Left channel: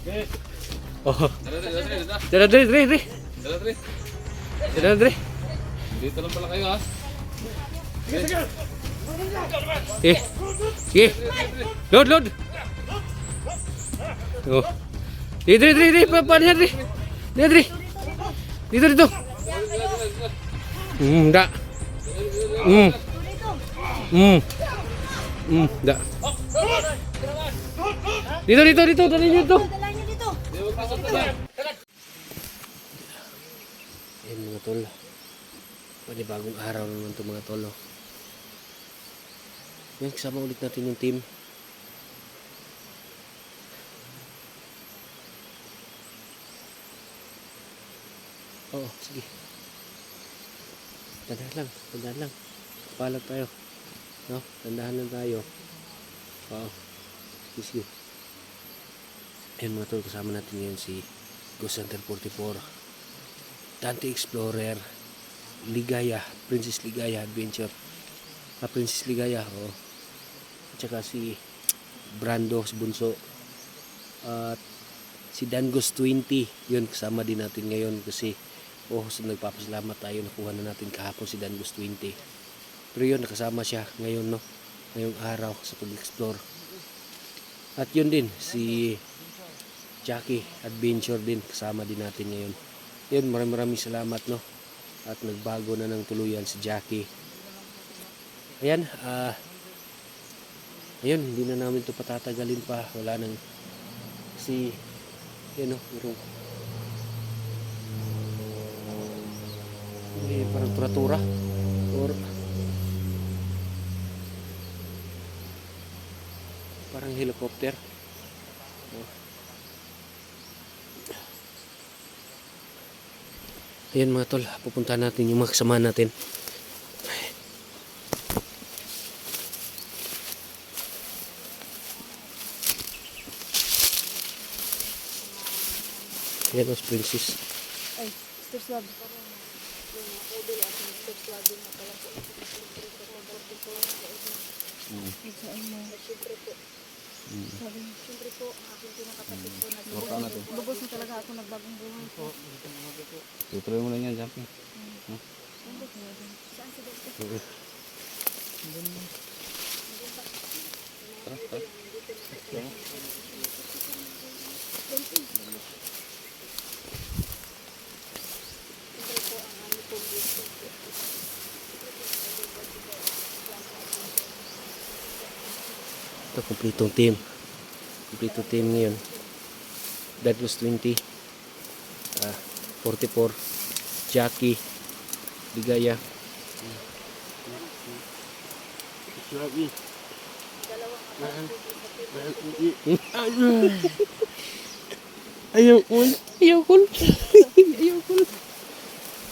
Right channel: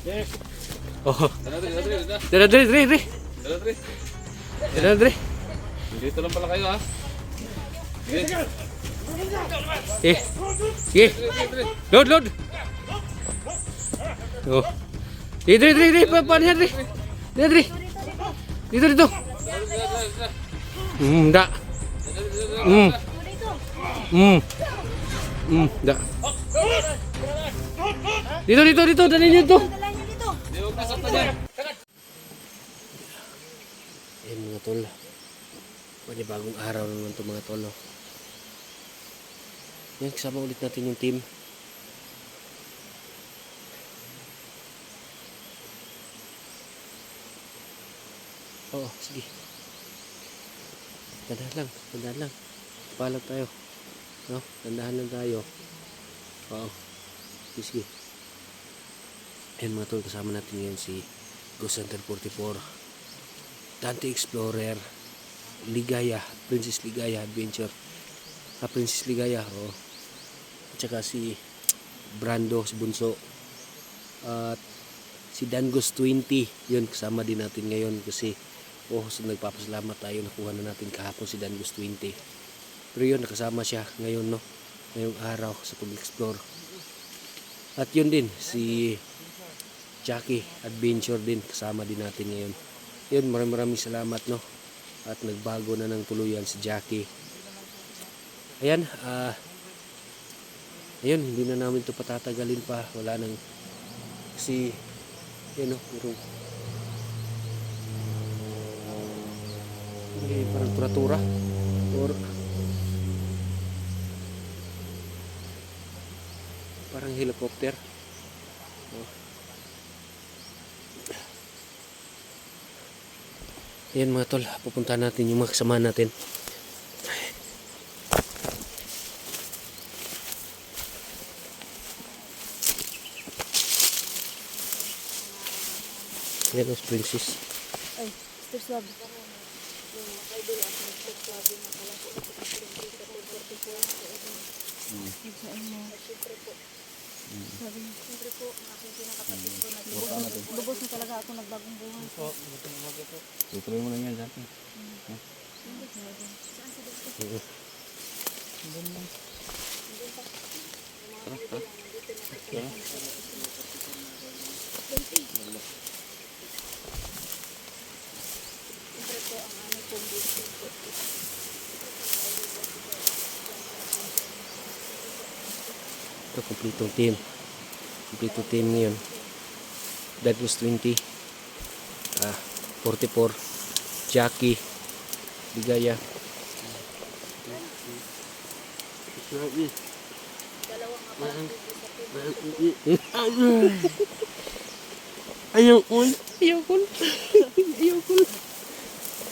Oh. Dala, dre. Dala, dre. Dito lang pala kayo ha. Load. Oh. Dre. Paano yan, dre? Dre. Dito. Da. Da. Dito. Dali niyo to. Ayan mga tol. Panibagong araw naman to mga tol. Yan, kasama ulit natin yung team. Oo, sige. Dandahan lang. Palag tayo. No, dandahan lang tayo. Oo. Sige. Ayan mga tol, kasama natin ngayon si Ghost Hunter 44, Dante Explorer, Ligaya, Princess Ligaya Adventure. Princess Ligaya, oh. At saka si Brando, si Bunso. At si Dangos 20, yun kasama din natin ngayon kasi nagpapasalamat tayo, nakuha na natin kahapon si Dangos 20. Pero yun, nakasama siya ngayon, no? Ngayong araw sa pag-explore. At yun din, si Jackie Adventure din, kasama din natin ngayon. Yun, maraming salamat, no? At nagbago na ng tuluyan si Jackie. Ayan, ayun, hindi na namin ito patatagalin pa. Wala nang kasi yun, no, parang tura-tura or parang helicopter. Ayan mga tol, pupunta natin yung mga kasama natin. Ayan os Princess. Ay, ito swab. Siyempre po, ang aking pinakapatid po na lubos na talaga ako nagbagong buhay po. Tutuloy mo lang yan, Jackie. Saan si Dr. Ito, kompletong team. Kompletong team ngayon. Dangos 20, 44, Jackie, Ligaya. Ayaw ko.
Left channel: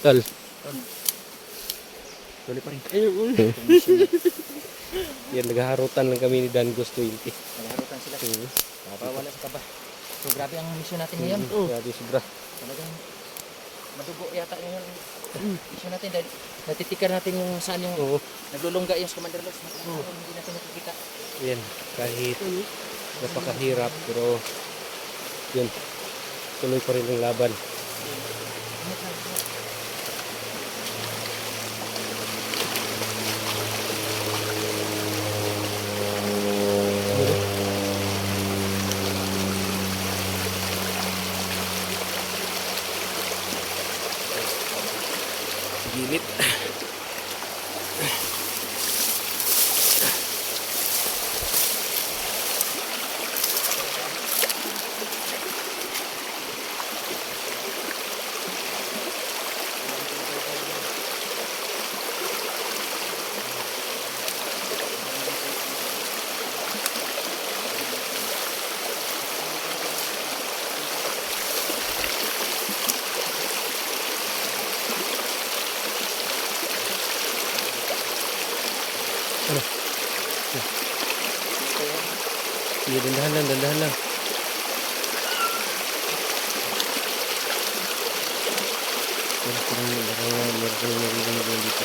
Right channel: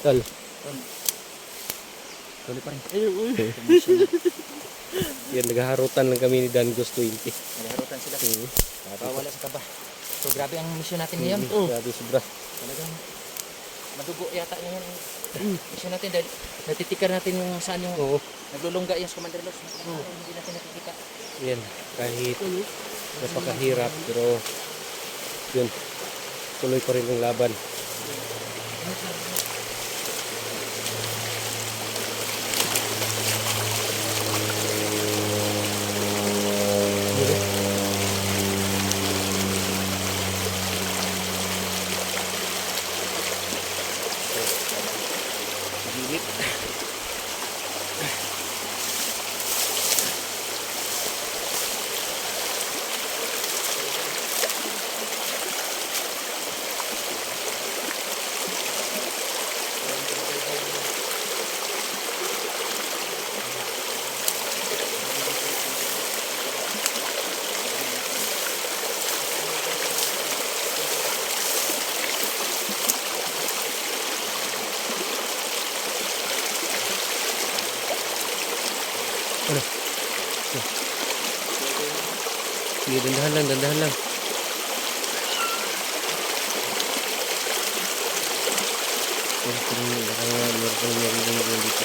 Tal. Tuloy pa rin. Yan, naghaharutan lang kami ni Dangos 20. Nagharutan sila. Wala sa kaba. So grabe ang mission natin ngayon. Grabe sobra. Talagang madugo yata yung mission natin dahil natitikar natin yung saan yung naglulungga yung Commander Los. Hindi natin nakikita. Yan, kahit napakahirap pero yun, tuloy pa rin ang laban. Gilip. Ano? Sige, dandahan lang. Meron kang narinig dito.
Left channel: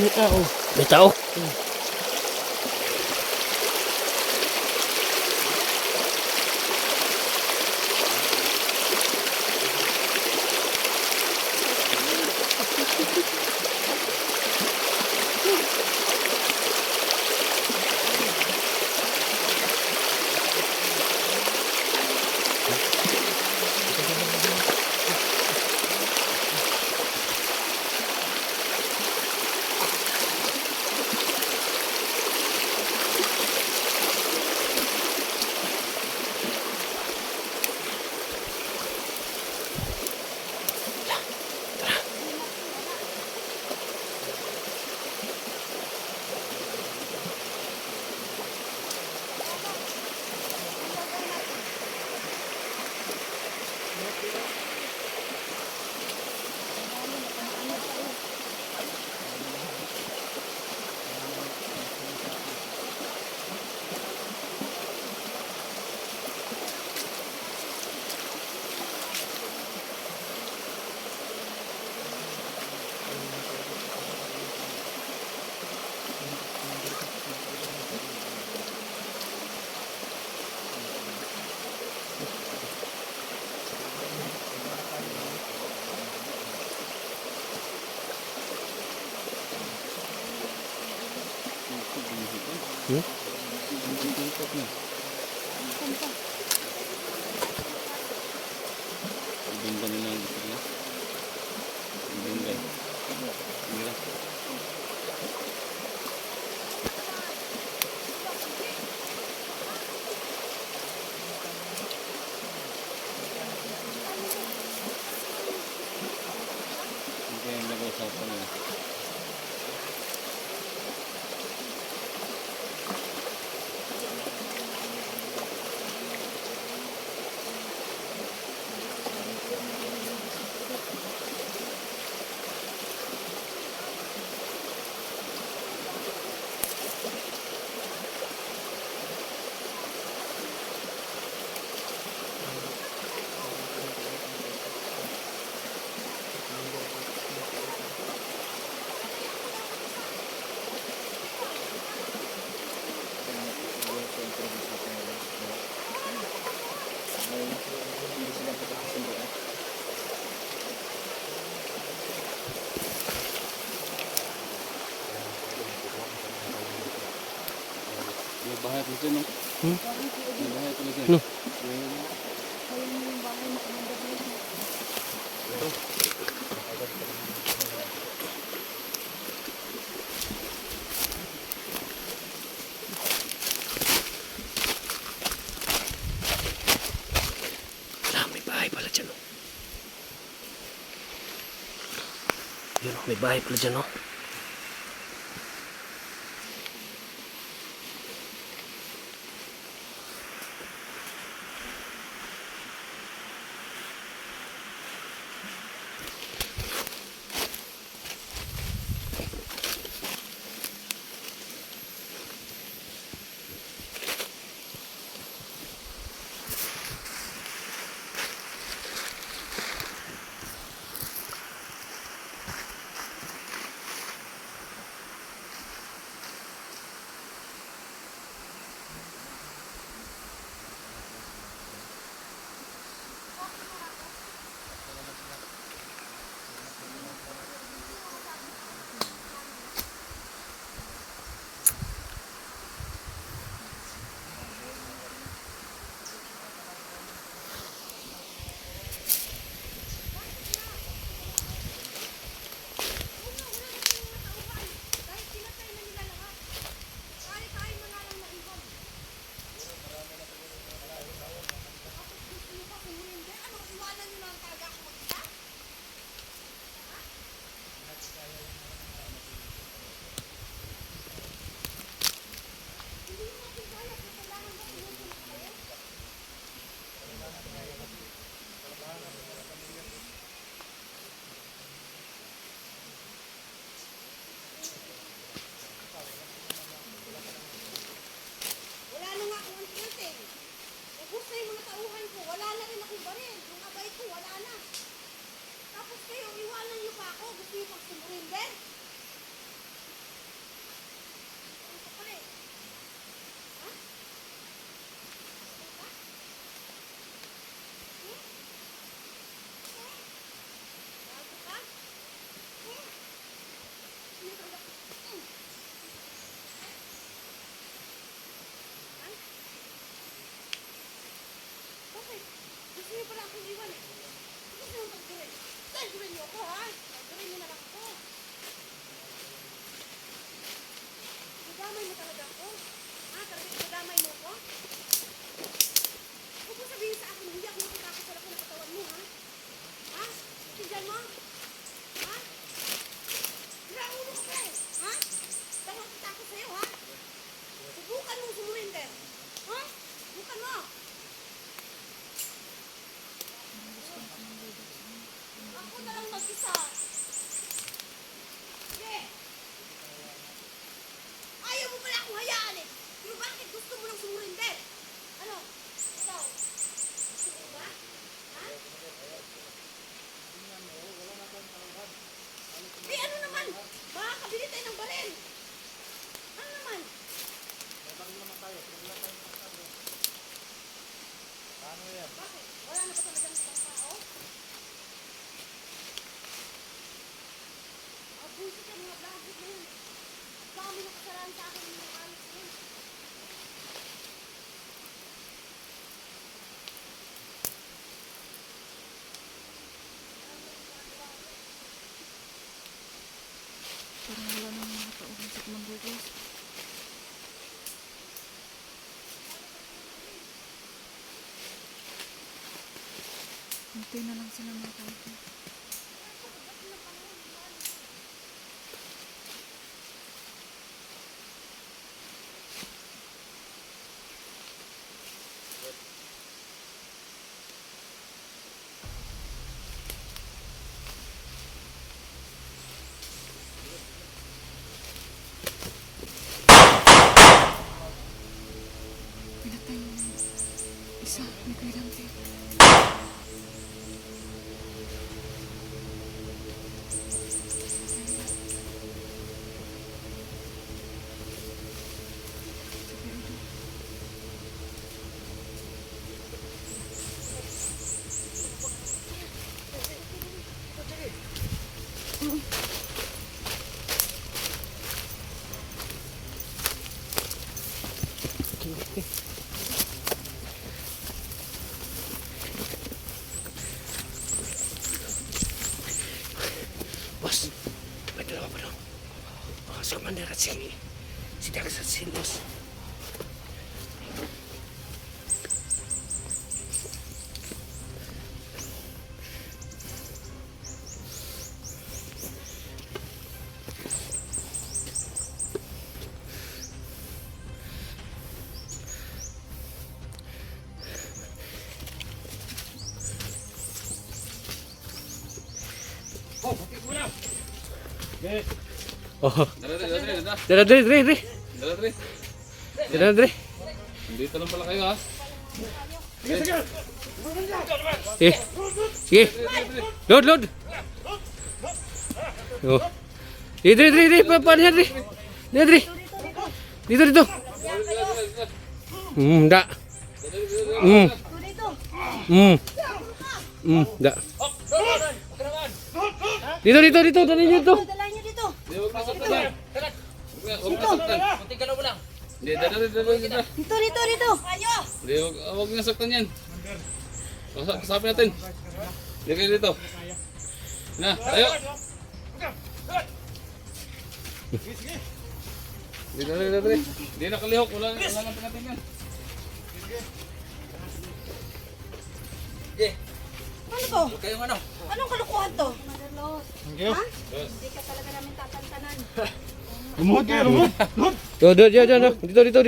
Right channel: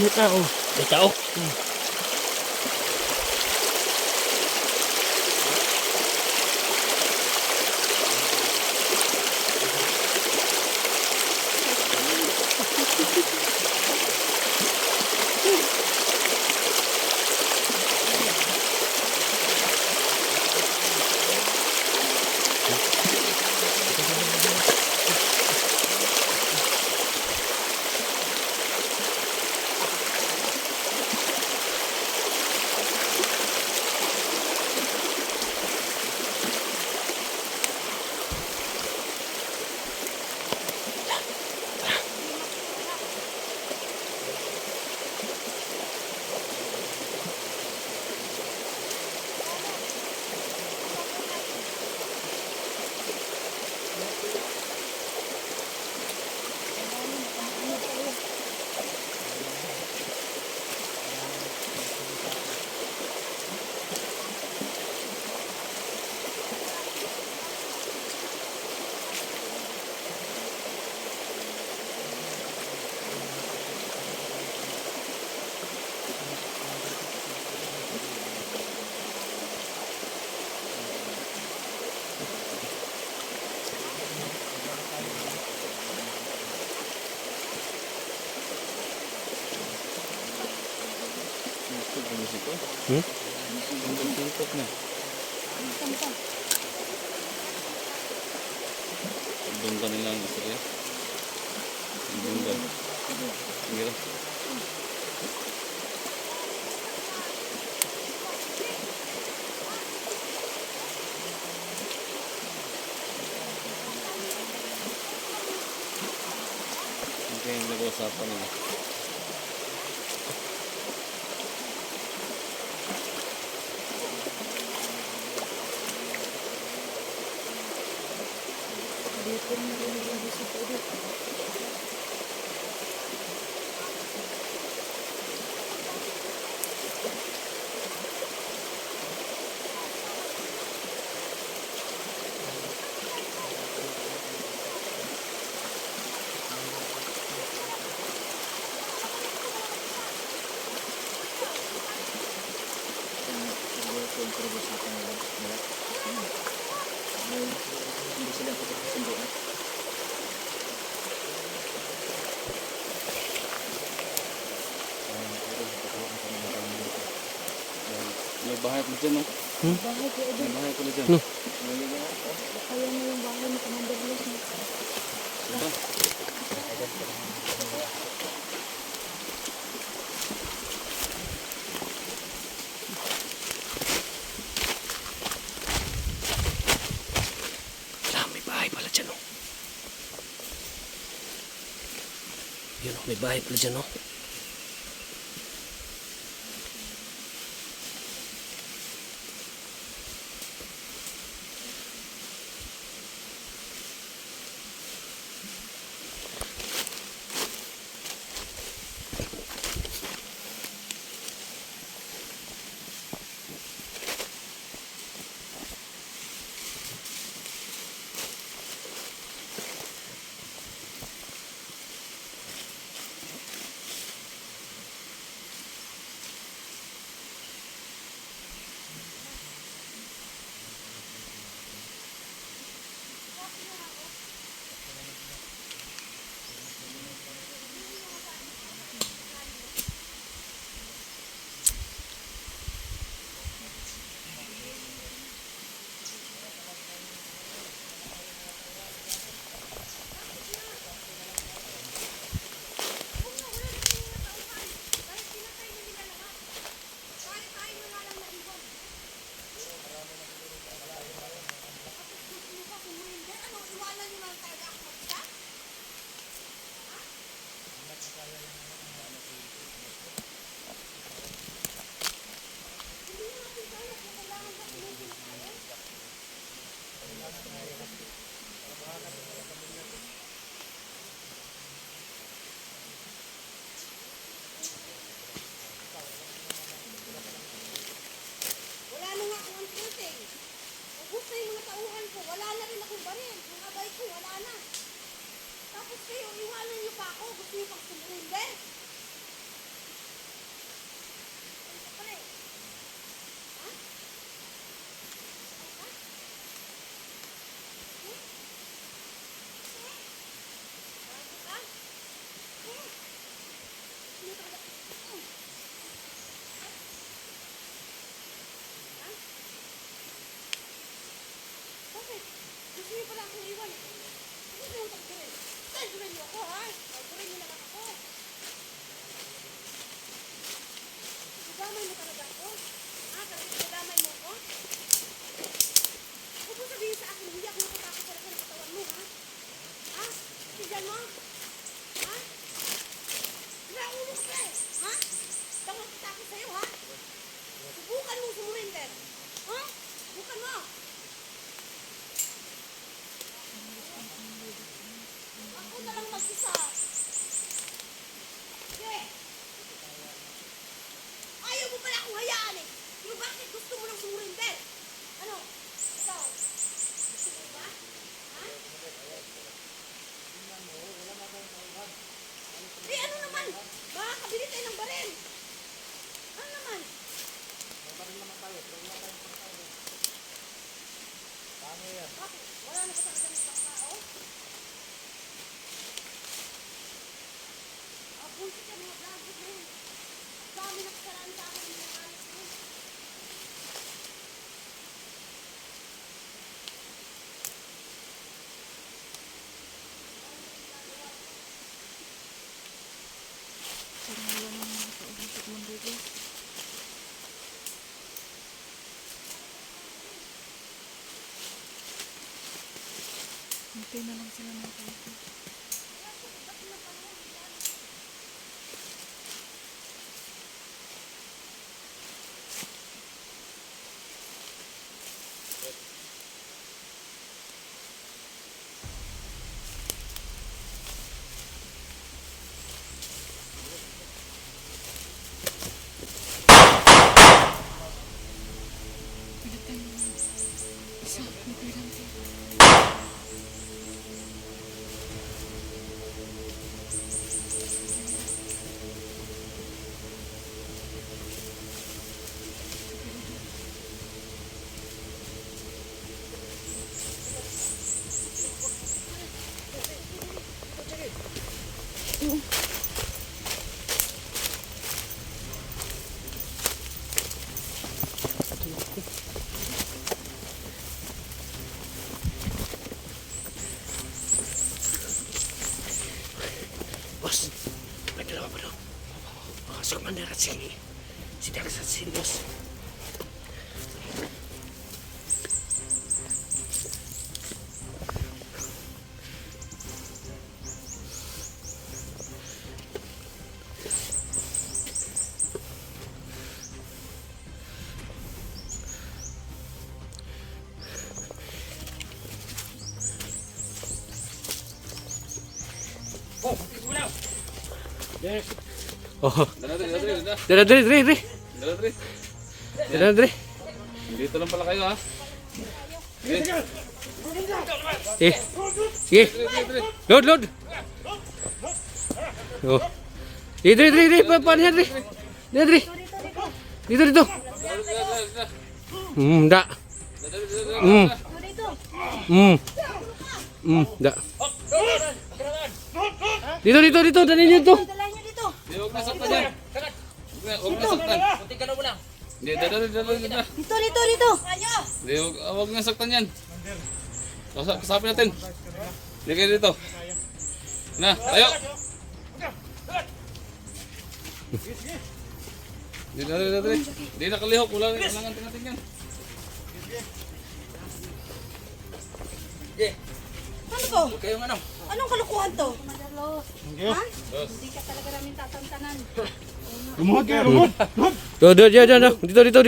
may tao. May tao. Hmm? Bunda nila ang gusto nila. Bunda. Sige. Ito yung nag-uusapan nila. May bahay ko dyan, no? May bahay ko dyan. No. Wala, may bahay pala dyan, oh. Yun, oh, may bahay pala dyan, oh. akong iwan eh. Gusto niyo tagdurin. Tagdurin niyo ako ha. Tagdurin niyo na lang ako. Dadamay mo talaga ako. Ha? Talaga dadamay mo ako? Huwag mo sabihin sa akin, hindi ako natatakot sa laki ng katawan mo ha? Ha? Tignan mo? Ha? Raulo ka pa eh. Ha? Tawag kita ako sa'yo ha? Subukan mong sumurinder. Ha? Subukan mo. Ako na lang mag-isa. Sige. Ayaw mo pala akong hayaan eh. Pero bakit gusto mo lang sumurinder? Ano? Ikaw? Gusto mo ba? Ha? Eh ano naman? Baka kabili tayo ng baril. Ano naman? Bakit? Wala na ba talaga ng ibang tao? Mga bullshit yan, mga blagot na yun. Ang dami na kasalanan sa akin ng mga halos na yun. Parang wala nang mga kausap ng bugo. Hintay na lang sila ng kausap. Isa, magandang Boss, may dalawa pa daw. Si Commander at si Dax at si Boss. Oh, Dala, dre. Dala, Dre. Dre. Dito lang pala kayo ha. Sige. Load. Oh. Dre. Paano yan, Dre? Dre. Dito. Da. Da. Dito. Dali niyo to. Dalahin niyo dito. Hindi, huwag masaktan yan. Huwag masaktan. Kunting galaw mo lang. Hindi, dala. Dito. Ayo. Hindi, huwag masaktan yan. Kasapin natin. Hindi kayo dito. Na, tayo. Dali. Hindi nakalihok. Wala nga natin yan. Ano to? Huwag kayong ano. Anong kalukuhan to? Ha? Hindi ka talaga namin tatantanan.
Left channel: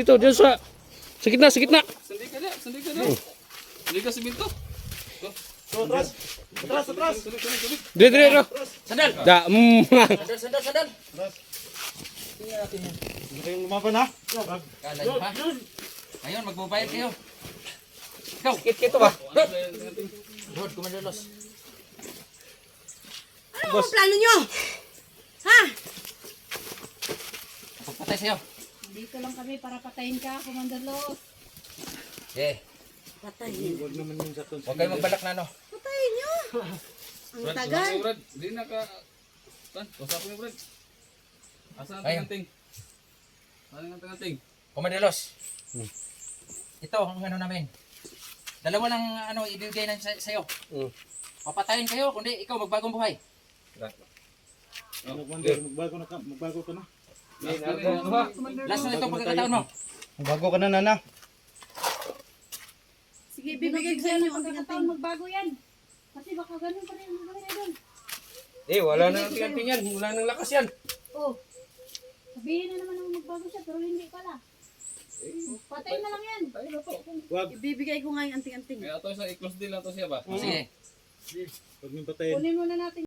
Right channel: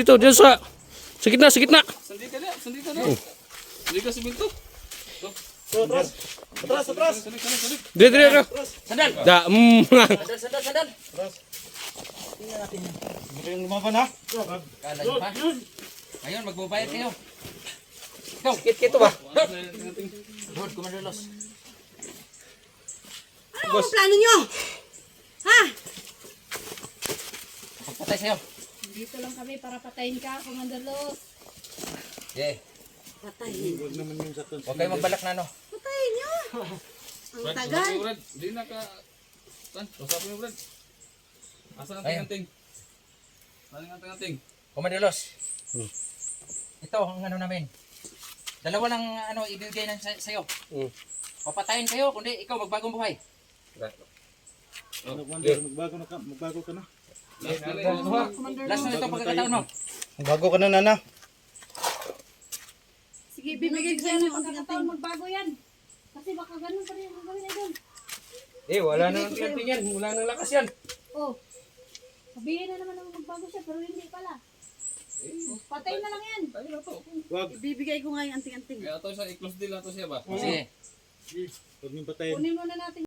Dito. Diyan sa gitna. Sandi ka na. Sandi ka sa binto. Atras. Sandi. Dre. Sandal. Da. Sandal. Tingnan natin yan. Kala nyo pa? Ngayon, magbabayad kayo. Go. Kito ba? Lord, Commander Los. Ano ang plano nyo? Ha? Pagpatay sa'yo. Dito lang kami para patayin ka, Commander Los. Patayin. Huwag kayo magbalik na ano. Patayin nyo. Ang tagal. Hindi na ka... Usapin mo, Brad. Asan ang tinganting? Commander Los. Ito ang ano namin. Dalawa lang ano ibibigay na sa'yo. Mm. Papatayin kayo, kundi ikaw magbagong buhay. Magbago ka na. Last na ito pagkakataon mo. Magbago ka na, Nana. Sige, bibigay ko sa inyo ang Pagkakataon anting-anting. magbago yan. Kasi baka ganun pa rin ang gawin na yun. Wala na ang tingting yan. Wala nang lakas yan. Oh. Sabihin na naman na magbago siya pero hindi pala. Patay na lang yan. Ibibigay ko nga yung anting-anting. Kaya ito sa i-close deal na to siya ba? Sige. Huwag niyong patayin. Kunin muna natin